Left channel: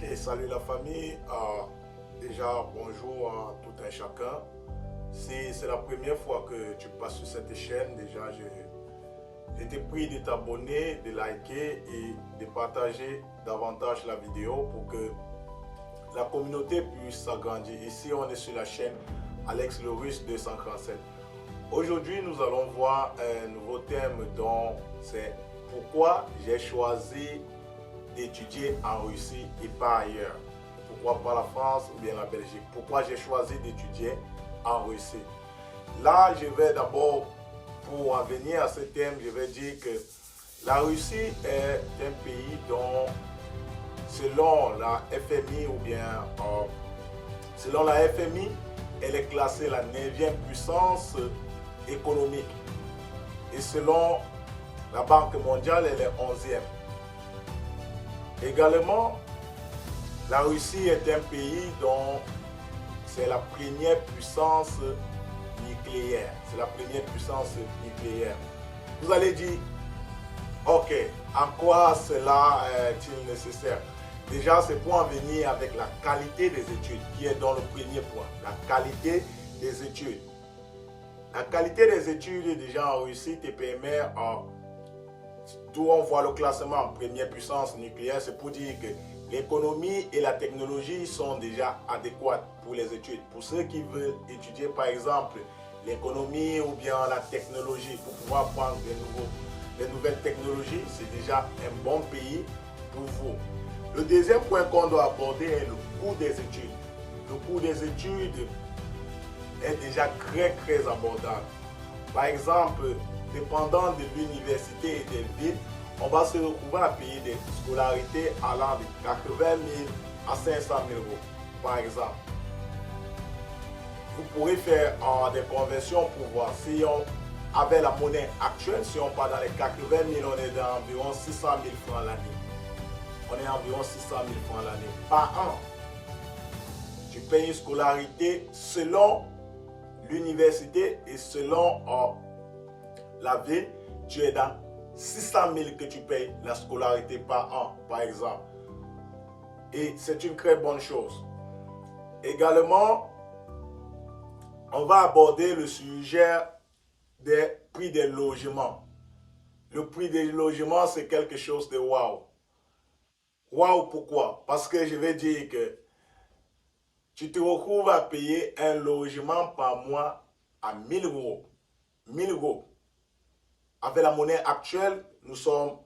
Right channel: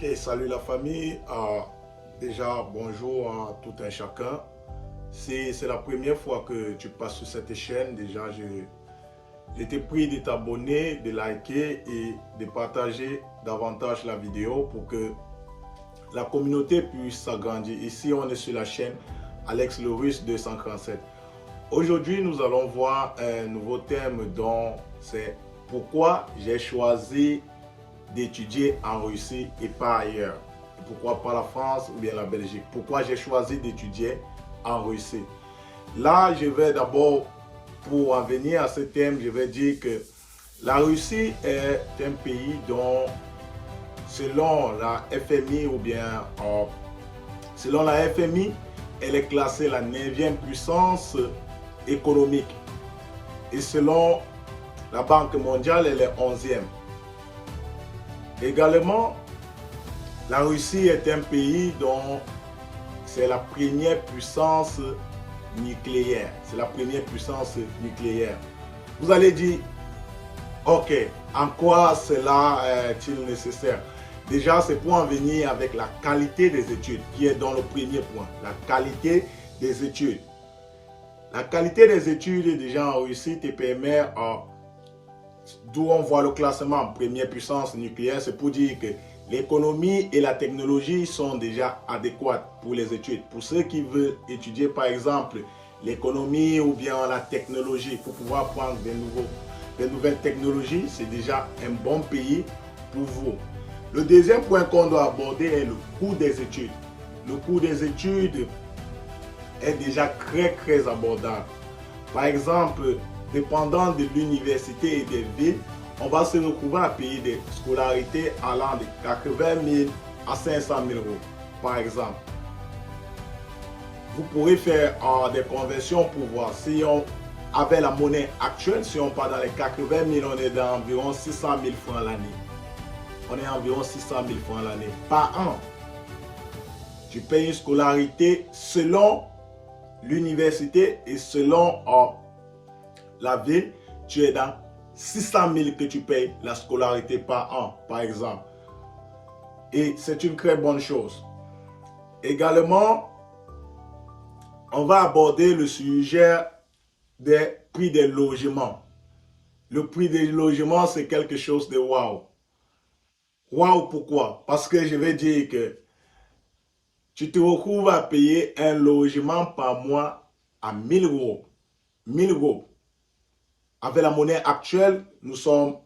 Ok, salut la famille. Déjà, bonjour à tout un chacun. Si c'est la première fois que tu passes sur cette chaîne, déjà, je t'ai prie de t'abonner, de liker et de partager davantage la vidéo pour que la communauté puisse s'agrandir. Ici, on est sur la chaîne Alex le Russe 237. Aujourd'hui, nous allons voir un nouveau thème dont c'est pourquoi j'ai choisi d'étudier en Russie et pas ailleurs. Pourquoi pas la France ou bien la Belgique? Pourquoi j'ai choisi d'étudier en Russie? Là, je vais d'abord, pour en venir à ce thème, je vais dire que la Russie est un pays dont, selon la FMI ou bien selon la FMI, elle est classée la 9e puissance économique. Et selon la Banque mondiale, elle est 11e. Également, la Russie est un pays dont c'est la première puissance nucléaire. C'est la première puissance nucléaire. Vous allez dire, ok, en quoi cela est-il nécessaire? Déjà, c'est pour en venir avec la qualité des études, qui est dans le premier point. La qualité des études. La qualité des études, déjà en Russie, te permet, d'où on voit le classement en première puissance nucléaire, c'est pour dire que l'économie et la technologie sont déjà adéquates pour les études. Pour ceux qui veulent étudier, par exemple, l'économie ou bien la technologie, pour pouvoir prendre des nouvelles technologies, c'est déjà un bon pays pour vous. Le deuxième point qu'on doit aborder est le coût des études. Le coût des études est déjà très abordable. Par exemple, dépendant de l'université et des villes, on va se retrouver à payer des scolarités allant de 80 000 à 500 000 euros, par exemple. Vous pourrez faire des conversions pour voir si on avait la monnaie actuelle, si on part dans les 80 000, on est dans environ 600 000 francs l'année. On est environ 600 000 francs l'année par an. Tu payes une scolarité selon l'université et selon la ville, tu es dans 600 000 que tu payes la scolarité par an, par exemple. Et c'est une très bonne chose. Également, on va aborder le sujet des prix des logements. Le prix des logements, c'est quelque chose de waouh. Waouh, pourquoi? Parce que je vais dire que tu te retrouves à payer un logement par mois à 1000 euros. 1000 euros. Avec la monnaie actuelle, nous sommes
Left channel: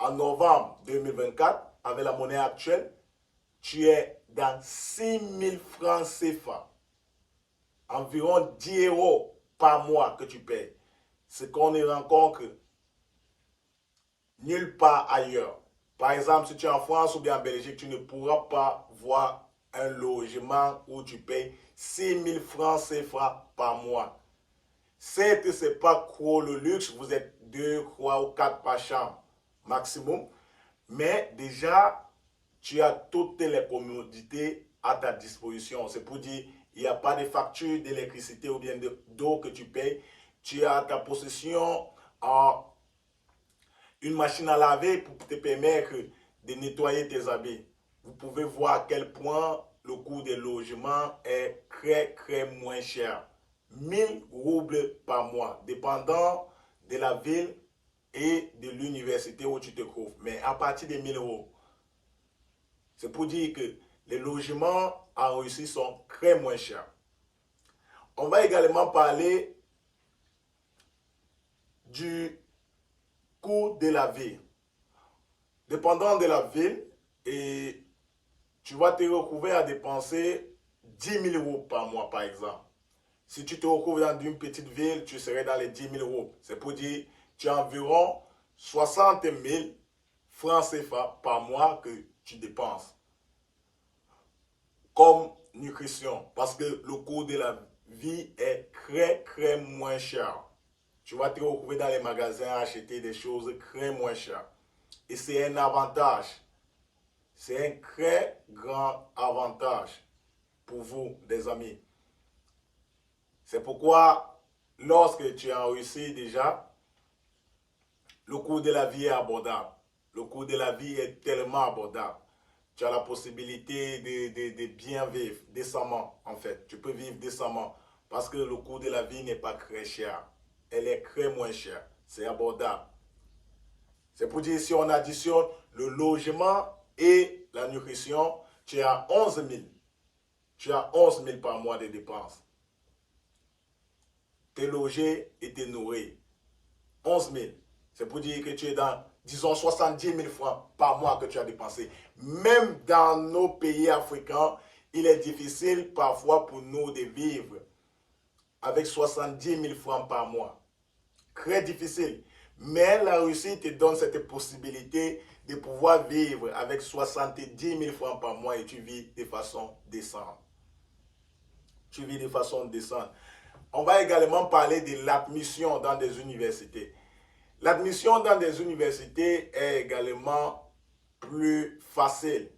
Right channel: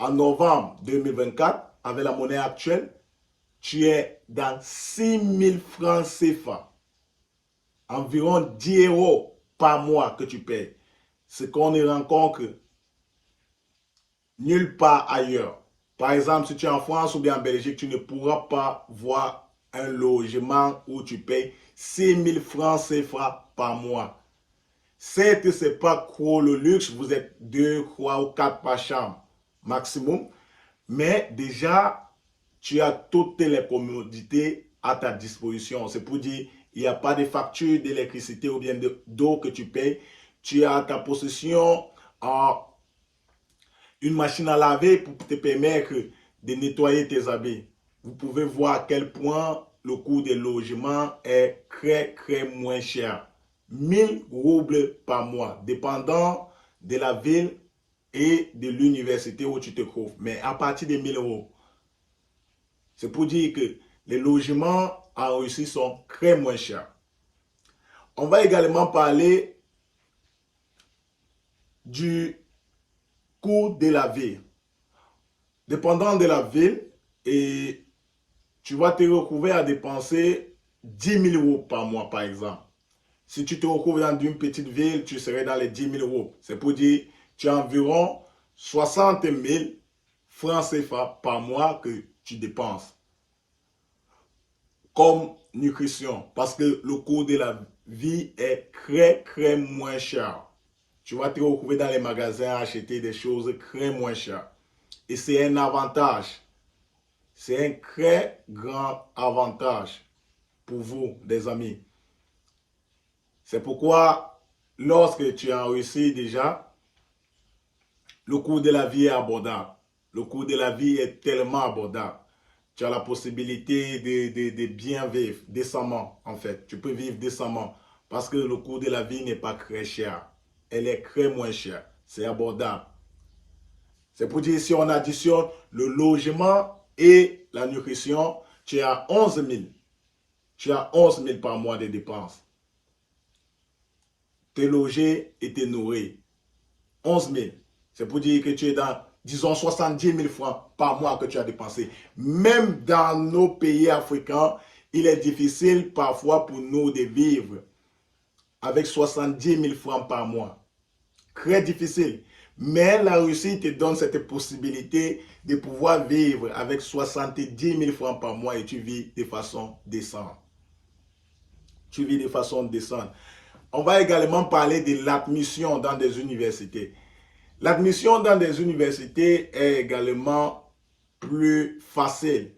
en novembre 2024. Avec la monnaie actuelle, tu es dans 6000 francs CFA. Environ 10 euros par mois que tu payes. Ce qu'on ne rencontre nulle part ailleurs. Par exemple, si tu es en France ou bien en Belgique, tu ne pourras pas voir un logement où tu payes 6000 francs CFA par mois. Certes, ce n'est pas trop le luxe, vous êtes 2, 3 ou 4 par chambre maximum, mais déjà, tu as toutes les commodités à ta disposition. C'est pour dire, il n'y a pas de facture d'électricité ou bien d'eau que tu payes. Tu as à ta possession une machine à laver pour te permettre de nettoyer tes habits. Vous pouvez voir à quel point le coût des logements est très moins cher. 1000 roubles par mois, dépendant de la ville et de l'université où tu te trouves. Mais à partir de 1000 euros. C'est pour dire que les logements en Russie sont très moins chers. On va également parler du coût de la vie. Dépendant de la ville, et tu vas te retrouver à dépenser 10 000 euros par mois, par exemple. Si tu te retrouves dans une petite ville, tu serais dans les 10 000 euros. C'est pour dire que tu as environ 60 000 francs CFA par mois que tu dépenses comme nutrition. Parce que le coût de la vie est très moins cher. Tu vas te retrouver dans les magasins à acheter des choses très moins chères. Et c'est un avantage. C'est un très grand avantage pour vous, les amis. C'est pourquoi, lorsque tu es en Russie déjà, le coût de la vie est abordable. Le coût de la vie est tellement abordable. Tu as la possibilité de bien vivre décemment, en fait. Tu peux vivre décemment parce que le coût de la vie n'est pas très cher. Elle est très moins chère. C'est abordable. C'est pour dire, si on additionne le logement et la nutrition, tu as 11 000. Tu as 11 000 par mois de dépenses. T'es logé et t'es nourri. 11 000. C'est pour dire que tu es dans, disons, 70 000 francs par mois que tu as dépensé. Même dans nos pays africains, il est difficile parfois pour nous de vivre avec 70 000 francs par mois. Très difficile. Mais la Russie te donne cette possibilité de pouvoir vivre avec 70 000 francs par mois et tu vis de façon décente. Tu vis de façon décente. On va également parler de l'admission dans des universités. L'admission dans des universités est également plus facile.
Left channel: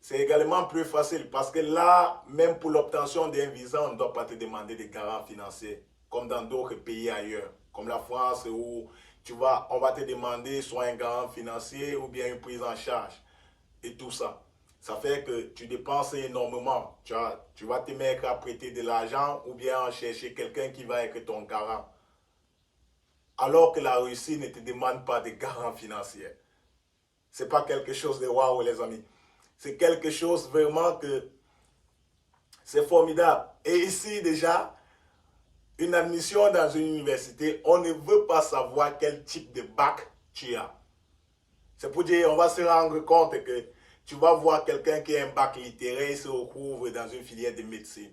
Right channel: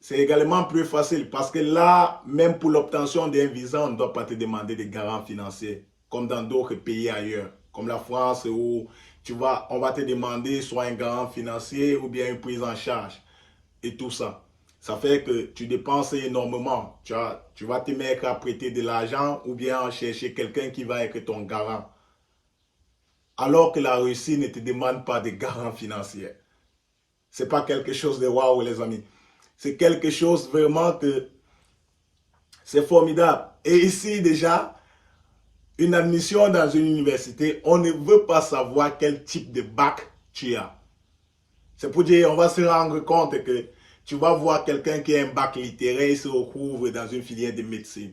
C'est également plus facile parce que là, même pour l'obtention d'un visa, on ne doit pas te demander des garants financiers, comme dans d'autres pays ailleurs, comme la France où on va te demander soit un garant financier ou bien une prise en charge et tout ça. Ça fait que tu dépenses énormément. Tu vas te mettre à prêter de l'argent ou bien chercher quelqu'un qui va être ton garant. Alors que la Russie ne te demande pas de garant financier. Ce n'est pas quelque chose de waouh, les amis. C'est quelque chose vraiment que c'est formidable. Et ici déjà, une admission dans une université, on ne veut pas savoir quel type de bac tu as. C'est pour dire, on va se rendre compte que tu vas voir quelqu'un qui a un bac littéraire et se retrouve dans une filière de médecine.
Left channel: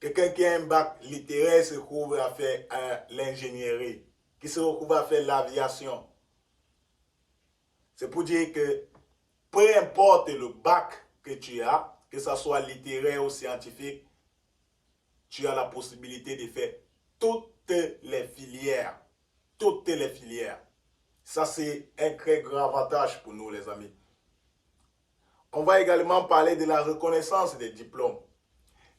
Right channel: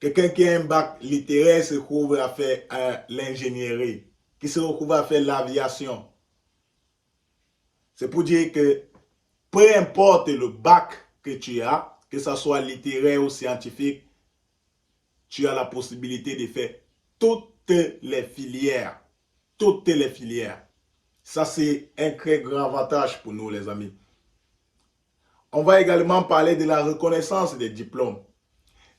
Quelqu'un qui a un bac littéraire se retrouve à faire l'ingénierie, qui se retrouve à faire l'aviation. C'est pour dire que peu importe le bac que tu as, que ce soit littéraire ou scientifique, tu as la possibilité de faire toutes les filières. Toutes les filières. Ça, c'est un très grand avantage pour nous, les amis. On va également parler de la reconnaissance des diplômes.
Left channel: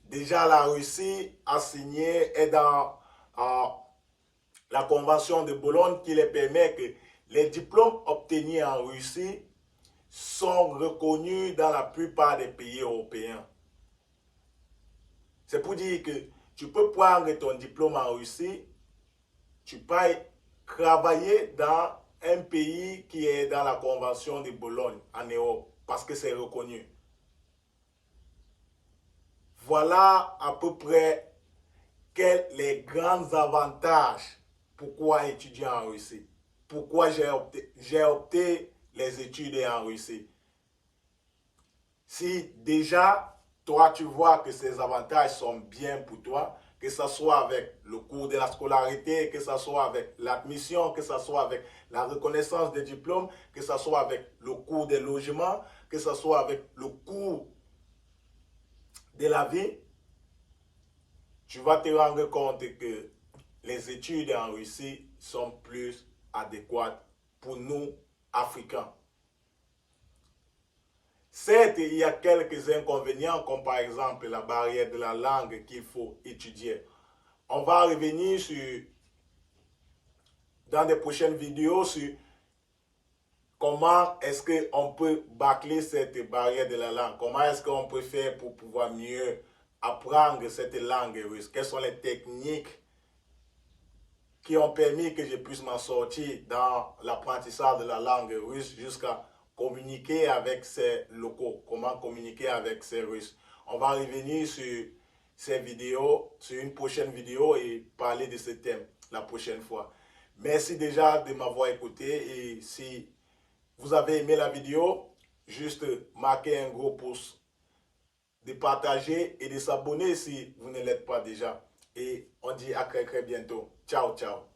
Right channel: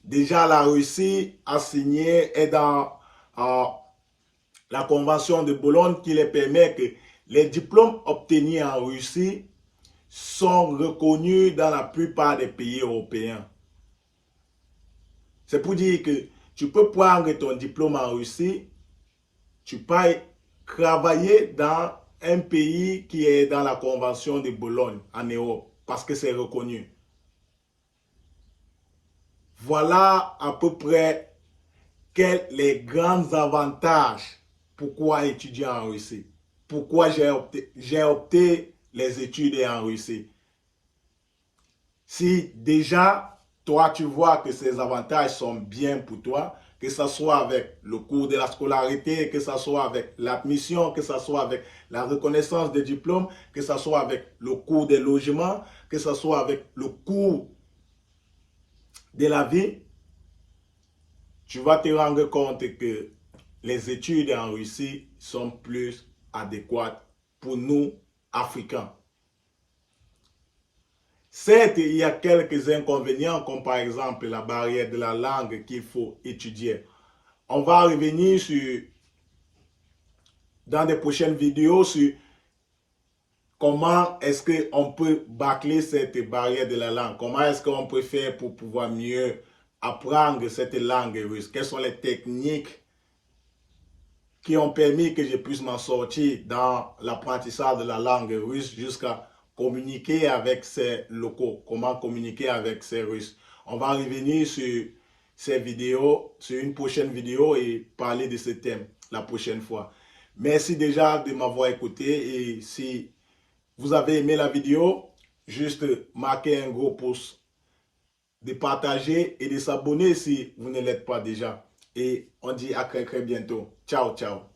Déjà, la Russie a signé, est dans la convention de Bologne qui les permet que les diplômes obtenus en Russie sont reconnus dans la plupart des pays européens. C'est pour dire que tu peux prendre ton diplôme en Russie, tu peux travailler dans un pays qui est dans la convention de Bologne en Europe parce que c'est reconnu. Voilà à peu près les grands avantages pourquoi étudier en Russie. Pourquoi j'ai opté les études en Russie. Si déjà, toi, tu vois que ces avantages sont bien pour toi, que ce soit avec le cours de la scolarité, que ce soit avec l'admission, que ce soit avec la reconnaissance des diplômes, que ce soit avec le cours des logements, que ce soit avec le cours de la vie, tu vas te rendre compte que les études en Russie sont plus adéquates pour nous, Africains. Certes, il y a quelques inconvénients, comme par exemple la barrière de la langue qu'il faut étudier. On va revenir dans des prochaines vidéos sur comment est-ce qu'on peut bâcler cette barrière de la langue. Comment est-ce qu'on peut faire pour pouvoir mieux apprendre cette langue russe. Quelles sont les techniques qui ont permis que je puisse m'en sortir dans l'apprentissage de la langue russe jusqu'à communiquer avec ces locaux, comment communiquer avec ces Russes. On va revenir sur ces vidéos, sur une prochaine vidéo et parler de ce thème la prochaine fois. Merci déjà de m'avoir écouté et si vous avez aimé la vidéo, juste marquez un gros pouce, de partager et de s'abonner si vous ne l'êtes pas déjà. Et on dit à très bientôt. Ciao, ciao.